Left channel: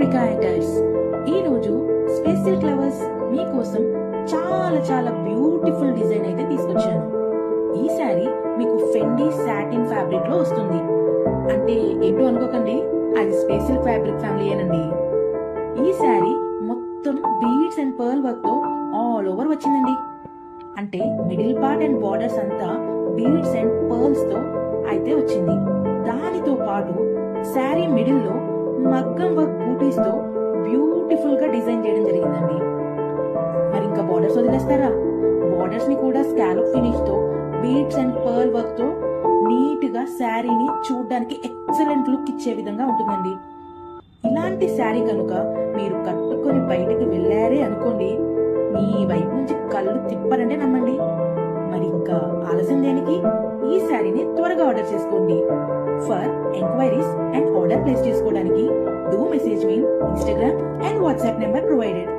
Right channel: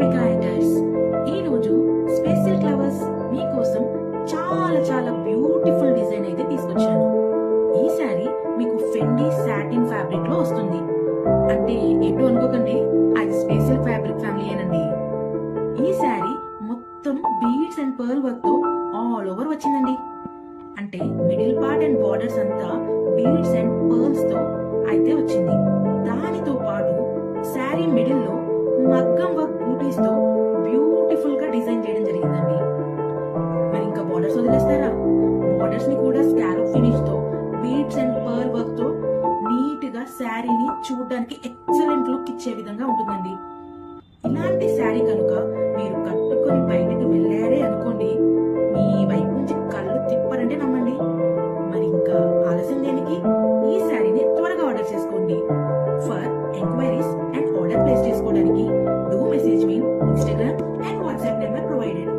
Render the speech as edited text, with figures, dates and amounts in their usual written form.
Rica enters. ఈ రోజు special క్లవర్స్ మీకోసం చాలా చాలా బ్యూటిఫుల్ డిజైన్ అయితే తీసుకొచ్చాను. ఈ శారీ మీకు ఫెండీ సాటిన్ ఫ్యాబ్రిక్ లో వస్తుంది. అంటే ఏంటో అనుకోకండి, అది స్పెషల్ ఫ్యాబ్రిక్ ఫ్యామిలీయేనండి. ఈ శారీ మొత్తం బీడ్స్ అండ్ పర్ల్ వర్క్ తో ఆల్ ఓవర్ వచ్చిందండి. అంటే మిడిల్ పార్ట్ అండ్ బార్డర్స్ అంతా బీడ్స్ అండ్ పర్ల్స్ తో అయితే వచ్చింది. దానితో పాటు శారీ మిడిల్ లో మగ్గం వర్క్ బూటీస్ తో బ్యూటిఫుల్ గా డిజైన్ చేయడం జరిగిందండి. మరి ఇంకా బార్డర్స్ వదిలేస్తారా? బార్డర్స్ ని కూడా స్కాలప్ ఫినిష్ తో బీడ్స్ అండ్ పర్ల్ వర్క్ తో నీట్ గా శారీని చూడడానికి ఎక్సలెంట్ లుక్ ఇచ్చే విధంగా ఉంటుందండి. ఇలాంటి శారీ కనుక మీరు కట్టుకొని బయటకు వెళ్ళారే అనుకోండి, మీ వైపు నుంచి కళ్ళు తిప్పారంటే నమ్మండి. మరి ఇంకా ఆలస్యం దేనికి? ఈ శారీని త్వరగా ఆర్డర్ చేసుకోండి. For enquiries and order place చేసుకోవడానికి do message me Instagram and WhatsApp number provided.